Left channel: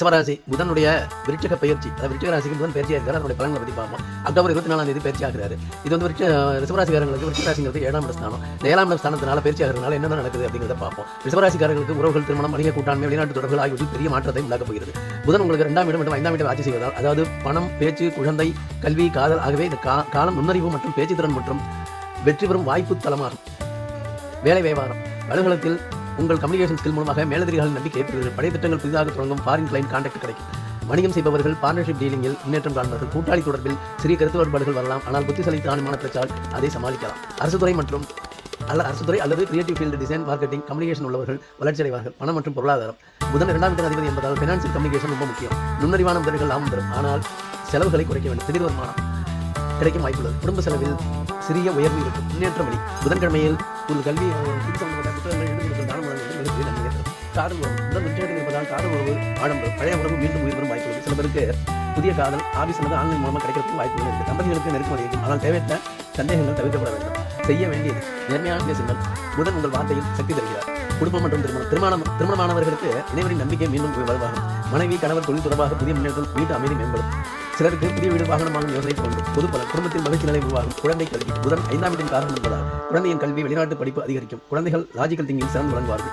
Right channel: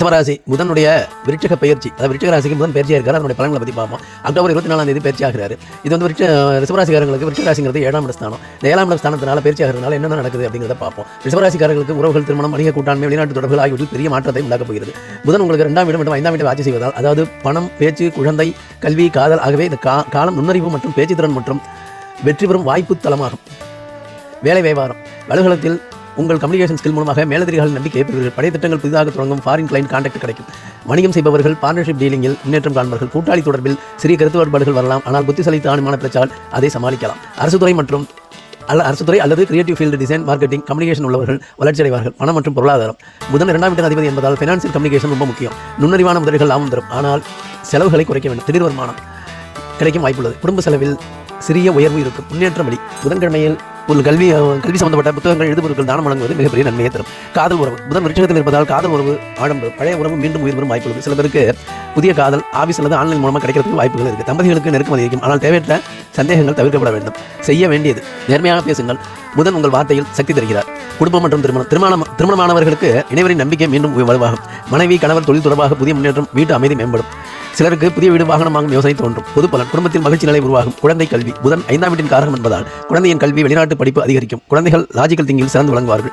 ரிஷபராசி புதனுடைய விருட்சக பயிற்சி, அதாவது விருட்சக ராசிக்கு புதன் பயிற்சியாக இருக்காரு. அதனுடைய பலன்களை பற்றி பார்ப்போம். அக்டோபர் 24 பயிற்சி ஆகிறாரு. இது வந்து ரிஷபராசிக்காரங்களுக்கு விருட்சக ராசிங்கிறது 7ஆம் இட ஸ்தானம். இந்த 7ஆம் இட ஸ்தானத்தினால பயிற்சி ஆகிறதுனால என்ன நடக்குது அப்படிங்கிறத பார்ப்போம். ரிஷபராசிக்காரர்களுக்கு உறவுகள், திருமணம், வணிக கூட்டாண்மை, வெளிநாட்டு தொடர்புகள் ஆகியவற்றில் பெரிய மாற்றத்தை உண்டாக்கப் போகிறது. புதன் உங்களுக்கு 2ஆம் இடம் மற்றும் 5ஆம் இடம் ஆட்சி செய்வதால், அதாவது பணம், பேச்சு, குழந்தை, கல்வி, காதல் ஆகவே இந்த காலம் நுண்ணறிவு மற்றும் பேச்சு திறன் மற்றும் வெற்றி பெறும் வாய்ப்பு தளமாகும். வேலை வியாபாரம் வலைகளத்தில் உங்கள் கம்யூனிகேஷன் ஸ்கில் மூலமாக மேலதிகாரிகள் நம்பிக்கை ஏற்படுவீர்கள். படை திட்டங்கள் புதிதாக தொடங்கும். ஃபாரின் கிளைண்ட் கான்டாக்ட் கிடைக்கும். வணிகம் செய்பவர்கள் பார்ட்னர்ஷிப் டீலிங்கில் முன்னேற்றம் காண்பார்கள். கூட்டாளி தொடர்பில் சிறிய கருத்து வேறுபாடுகள் வரலாம், ஆனால் புத்திசாலித்தனமான பிரச்சாரம் அதை சமாளிக்கலாம். அரசுத்துறை அல்லது creative field, design, marketing, communication உள்ளவர்கள் வளர்ச்சி அடைவார்கள். பணம் மற்றும் பொருளாதாரம் புதன் 2ஆம் இட அதிபதி என்பதால் ஃபினான்சியல் கம்யூனிகேஷன் ரொம்ப முக்கியம். நுண்ணறிவான முதலீடுகள் லாபம் தரும், ஆனால் செலவுகளை குறைக்க வேண்டும். திடீர் வருமானம் கிடைக்கும் வாய்ப்புள்ளது. குடும்ப செலவில் சிறிய உயர்வு இருக்கும். முன்னேற்றம் வழி புதன்கிழமையில் ஒரு கல்வி சம்பந்தப்பட்ட புத்தகங்கள், எழுதுபொருட்கள் தானம் வழங்குவது மிகப்பெரிய நன்மையை தரும். காதல் உறவு புதன் விருட்சகத்தில் இருப்பதால் காதல் உறவு ஆடம்பரம், பழைய உறவு மீண்டும் உயிர் வரும் வாய்ப்புள்ளது. சில பேருக்கு புதிய காதல் ஆபீஸ் அல்லது ஆன்லைன் மூலமாக கிடைக்கிறதுக்கு வாய்ப்புகள் இருக்குது. தம்பதிகளுக்கு நெருக்கம் அதிகம், ஆனால் தேவையற்ற சந்தேகங்கள் தவிர்க்கப்பட வேண்டும். செய்ய வேண்டியது நேர்மையாக பேசுங்கள். புதன் உங்கள் வார்த்தையில் சக்தி தருகிறார். குடும்பம் மற்றும் திருமணமானவர்களுக்கு இணைவரின் நம்பிக்கை மீண்டும் வலுவாகும். மனைவி, கணவர், தொழில் தொடர்பாக புதிய முன்னேற்றம், வீட்டு அமைதி மேம்படும். சிலருக்கு புதிய வீடு, வாகனம் வாங்கும் யோசனை தோன்றும். பொது பலன் குடும்பத்தில் மகிழ்ச்சி நிலை உருவாகும். குழந்தை கல்வி புதன் 5ஆம் வீட்டின் காரணம் என்பதால் குழந்தையின் கல்வி, வெளிநாட்டு படிப்பு அதிகரிக்கும். குழந்தைகள் லாஜிக்கல் திங்கில் சிறந்து விளங்குவார்கள்.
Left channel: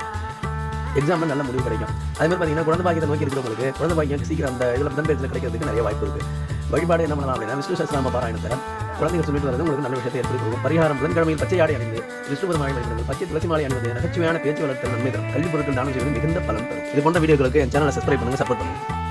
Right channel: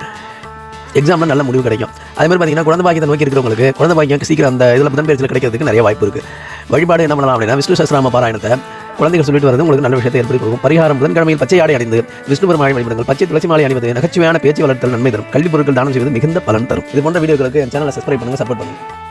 எக்ஸாம்பிள் நல்ல முடிவு கிடைக்கும். அதே மாதிரி பார்த்தீங்கன்னா குழந்தை பாக்கியத்தை நோக்கி இருக்கிறவங்களுக்கு குழந்தை பாக்கியம் சீக்கிரம் அந்த இதில் புதன் பயிற்சியில் கிடைக்கிறதுக்கு நிறைய வாய்ப்பு இருக்குது. வழிபாடு என்ன பண்ணலாம் அப்படின்னா விஷ்ணு சஹஸ்ரநாம பாராயணத்தை குழந்தைகள் சொல்லிட்டு வரது உங்களுக்கு நல்ல விஷயத்தை ஏற்படுத்தி கொடுக்கும். பரிகாரம் புதன்கிழமையில் பச்சை ஆடை அணிந்து விஷ்ணு பெருமாளை வழிபடுங்கள். பச்சை துளசி மாலை அணிவது நகைச்சுவையான பேச்சு வளர்த்தல் நன்மை தரும். கல்வி பொருட்கள் தானம் செய்வது மிகுந்த பலன் தரும். இது போன்ற வீடியோக்களுக்கு என் சேனலை சப்ஸ்கிரைப் பண்ணுங்க, சப்போர்ட் பண்ணுங்க.